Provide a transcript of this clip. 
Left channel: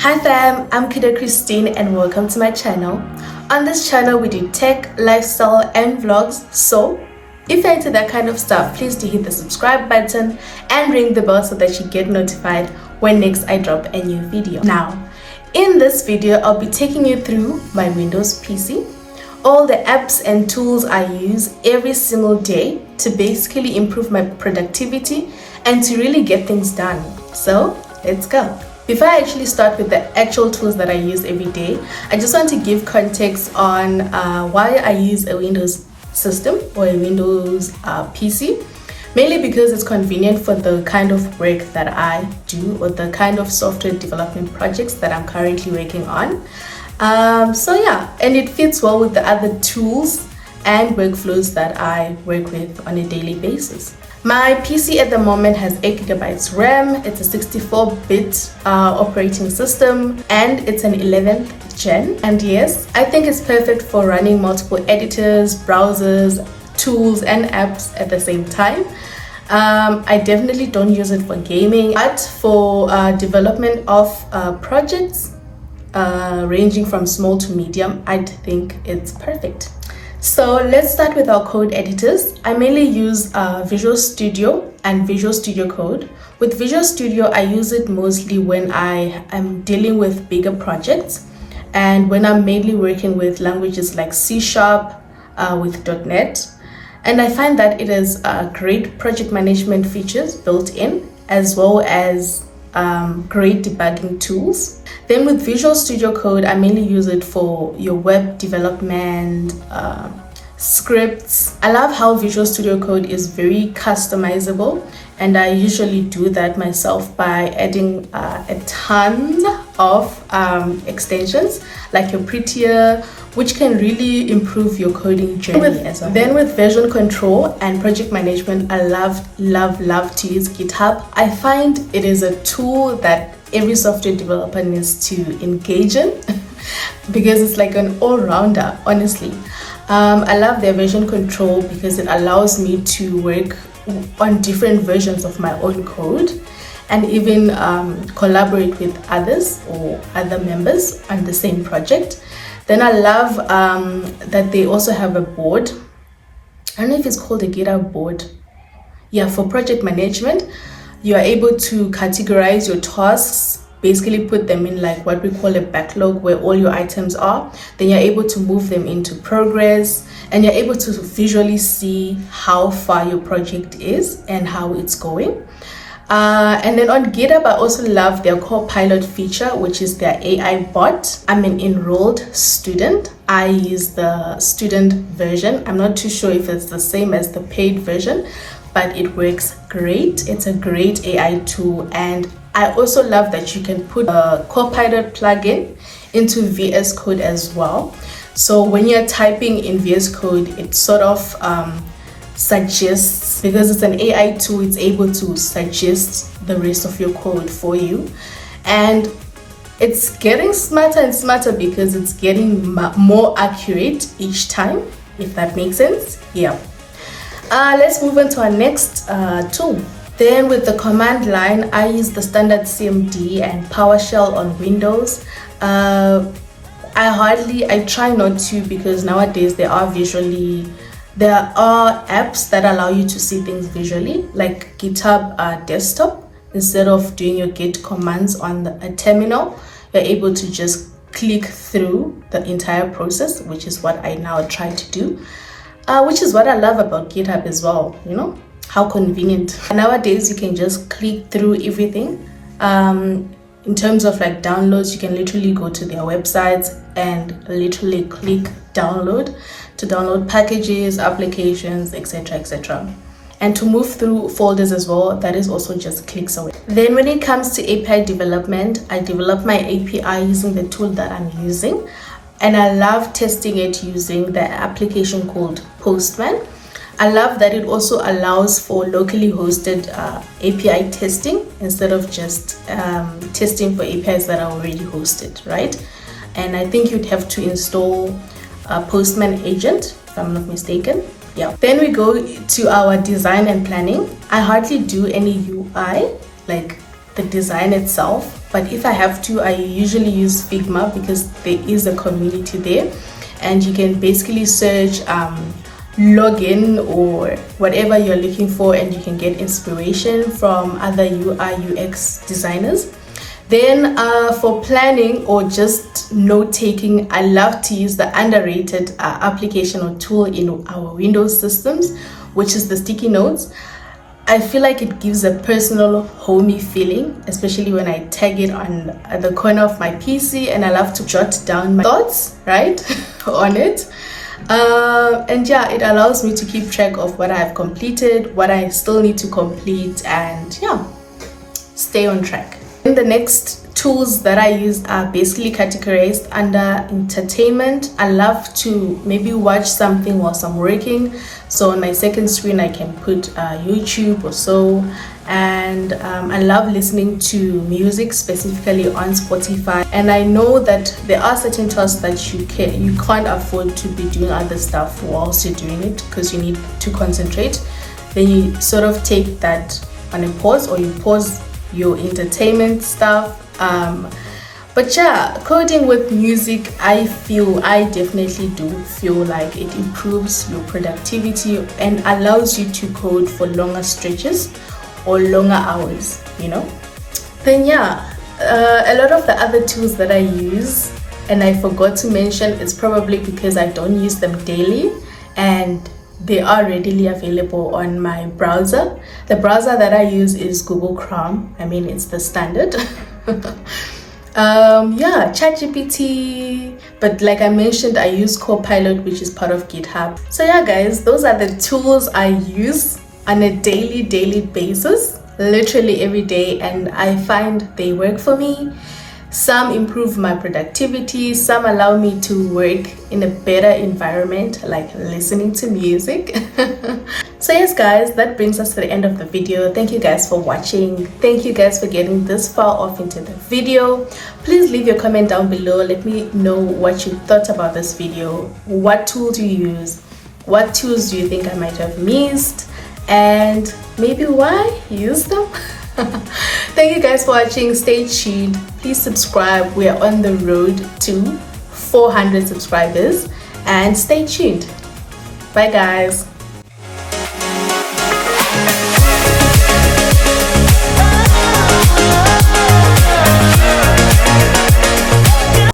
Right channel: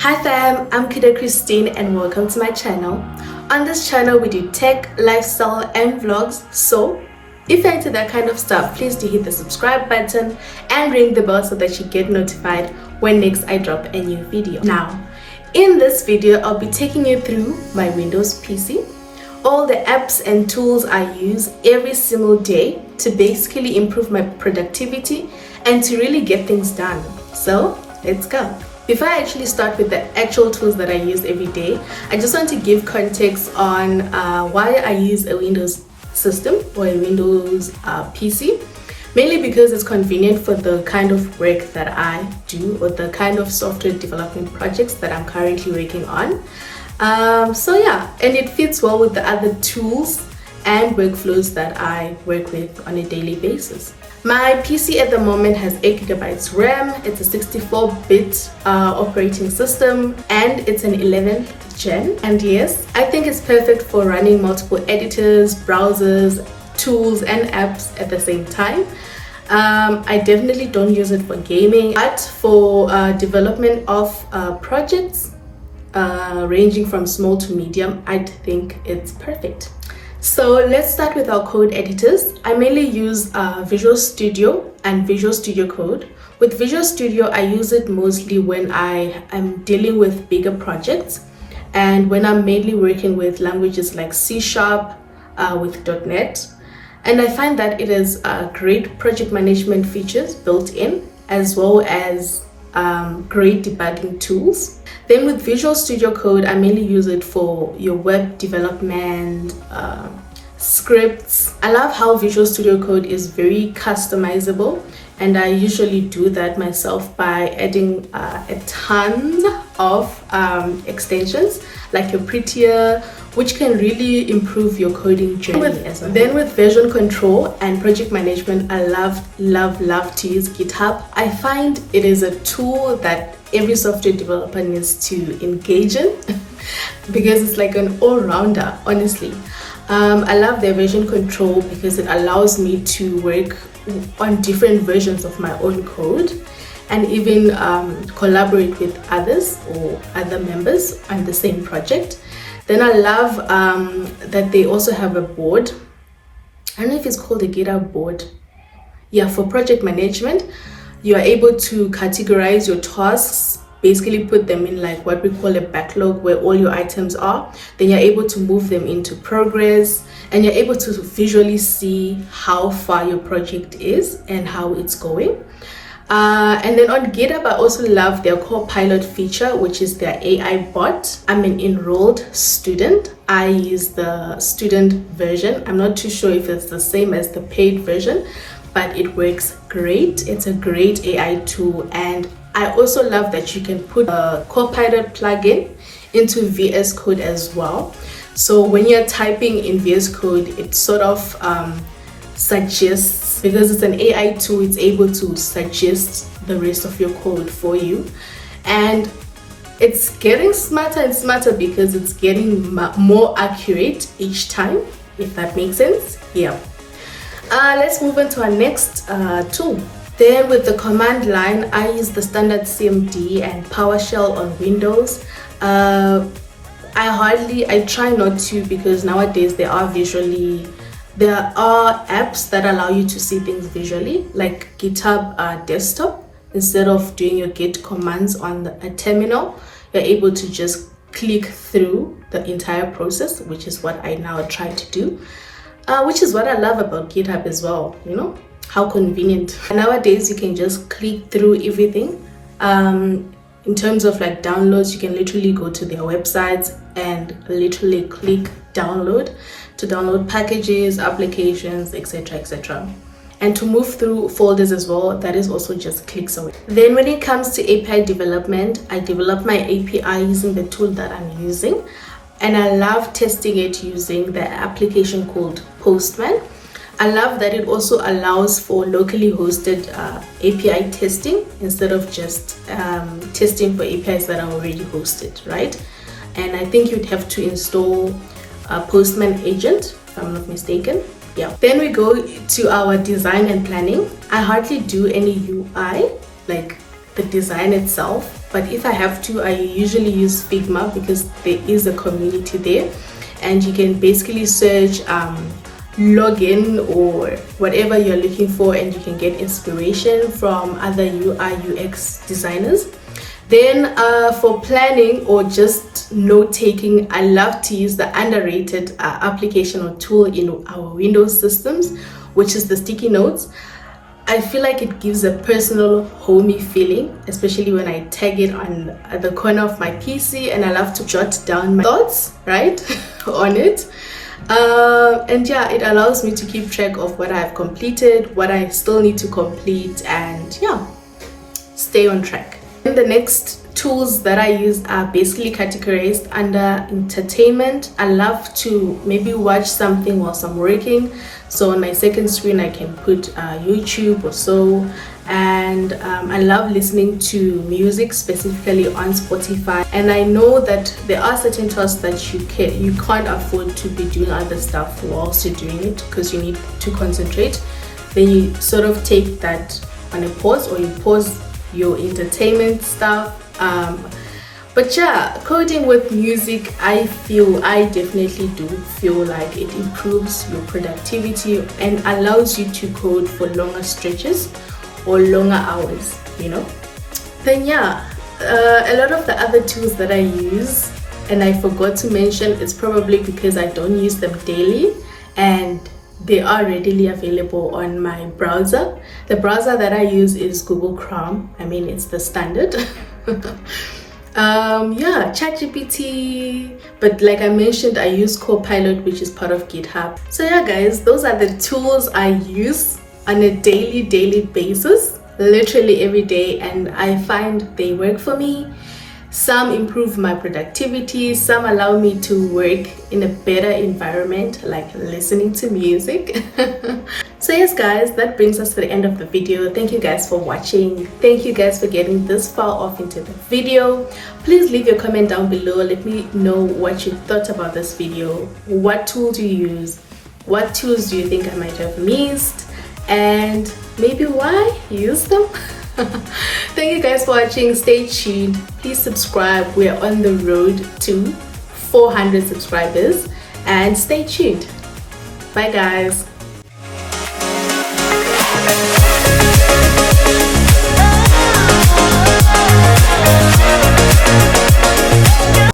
Hi fam, I'm Kida Christine and welcome to my channel. On this channel we do tech, lifestyle and vlogs, so if you're into that kind of stuff, please do hit the subscribe button and ring the bell so that you get notified when next I drop a new video. Now, in this video I'll be taking you through my Windows PC, all the apps and tools I use every single day to basically improve my productivity and to really get things done. So let's go. Before I actually start with the actual tools that I use every day, I just want to give context on why I use a Windows system or a Windows PC. Mainly because it's convenient for the kind of work that I do or the kind of software development projects that I'm currently working on. So yeah, and it fits well with the other tools and workflows that I work with on a daily basis. My PC at the moment has 8 GB RAM, it's a 64-bit operating system, and it's an 11th gen. And yes, I think it's perfect for running multiple editors, browsers, tools, and apps at the same time. I definitely don't use it for gaming, but for development of projects ranging from small to medium, I think it's perfect. So let's start with our code editors. I mainly use Visual Studio and Visual Studio Code. With Visual Studio, I use it mostly when I am dealing with bigger projects and when I'm mainly working with languages like C#, with .NET. And I find that it has great project management features built in, as well as great debugging tools. Then with Visual Studio Code, I mainly use it for your web development, scripts. I love how Visual Studio Code is very customizable, and I usually do that myself by adding a ton of extensions like your Prettier, which can really improve your coding journey as well. Then with version control and project management, I love to use GitHub. I find it is a tool that every software developer needs to engage in because it's like an all-rounder, honestly. I love their version control because it allows me to work on different versions of my own code and even collaborate with others or other members on the same project. Then I love that they also have a board. I don't know if it's called a GitHub board. Yeah, for project management, you are able to categorize your tasks, basically put them in like what we call a backlog where all your items are. Then you're able to move them into progress and you're able to visually see how far your project is and how it's going. And then on GitHub, I also love their Copilot feature, which is their AI bot. I'm an enrolled student. I use the student version. I'm not too sure if it's the same as the paid version, but it works great. It's a great AI tool. And I also love that you can put a Copilot plugin into VS Code as well. So when you're typing in VS Code, it sort of suggests, because it's an AI tool, it's able to suggest the rest of your code for you. And it's getting smarter and smarter because it's getting more accurate each time, if that makes sense. Yeah. Let's move on to our next tool. Then with the command line, I use the standard CMD and PowerShell on Windows. I try not to, because nowadays there are apps that allow you to see things visually, like GitHub desktop. Instead of doing your git commands on a terminal, you're able to just click through the entire process, which is what I now try to do. Which is what I love about GitHub as well, you know, how convenient. Nowadays, you can just click through everything. In terms of like downloads, you can literally go to their websites and literally click download to download packages, applications, etc. And to move through folders as well, that is also just clicks away. Then when it comes to API development, I develop my API using the tool that I'm using. And I love testing it using the application called Postman. I love that it also allows for locally hosted API testing instead of just testing for APIs that are already hosted, right? And I think you'd have to install a Postman agent, if I'm not mistaken. Yeah. Then we go to our design and planning. I hardly do any UI, like the design itself, but if I have to, I usually use Figma because there is a community there, and you can basically search login or whatever you're looking for, and you can get inspiration from other UI UX designers. Then for planning or just note taking, I love to use the underrated application or tool in our Windows systems, which is the sticky notes. I feel like it gives a personal, homey feeling, especially when I tag it on the corner of my PC, and I love to jot down my thoughts, right, on it. And yeah, it allows me to keep track of what I've completed, what I still need to complete, and yeah, stay on track. And the next tools that I use are basically categorized under entertainment. I love to maybe watch something whilst I'm working. So on my second screen, I can put YouTube or so. And I love listening to music, specifically on Spotify. And I know that there are certain tasks that you can't afford to be doing other stuff whilst you're doing it because you need to concentrate. Then you sort of take that on a pause, or you pause your entertainment stuff. But yeah, coding with music, I definitely do feel like it improves your productivity and allows you to code for longer stretches or longer hours, you know. Then yeah, a lot of the other tools that I use and I forgot to mention is probably because I don't use them daily, and they are readily available on my browser. The browser that I use is Google Chrome. I mean, it's the standard. Yeah, ChatGPT, but like I mentioned, I use Copilot, which is part of GitHub. So yeah guys, those are the tools I use on a daily basis, literally every day, and I find they work for me. Some improve my productivity, some allow me to work in a better environment, like listening to music. So yes guys, that brings us to the end of the video. Thank you guys for watching. Thank you guys for getting this far off into the video. Please leave your comment down below. Let me know what you thought about this video. What tool do you use? What tools do you think I might have missed? And maybe why use them? Thank you guys for watching. Stay tuned. Please subscribe. We are on the road to 400 subscribers, and stay tuned. Bye guys.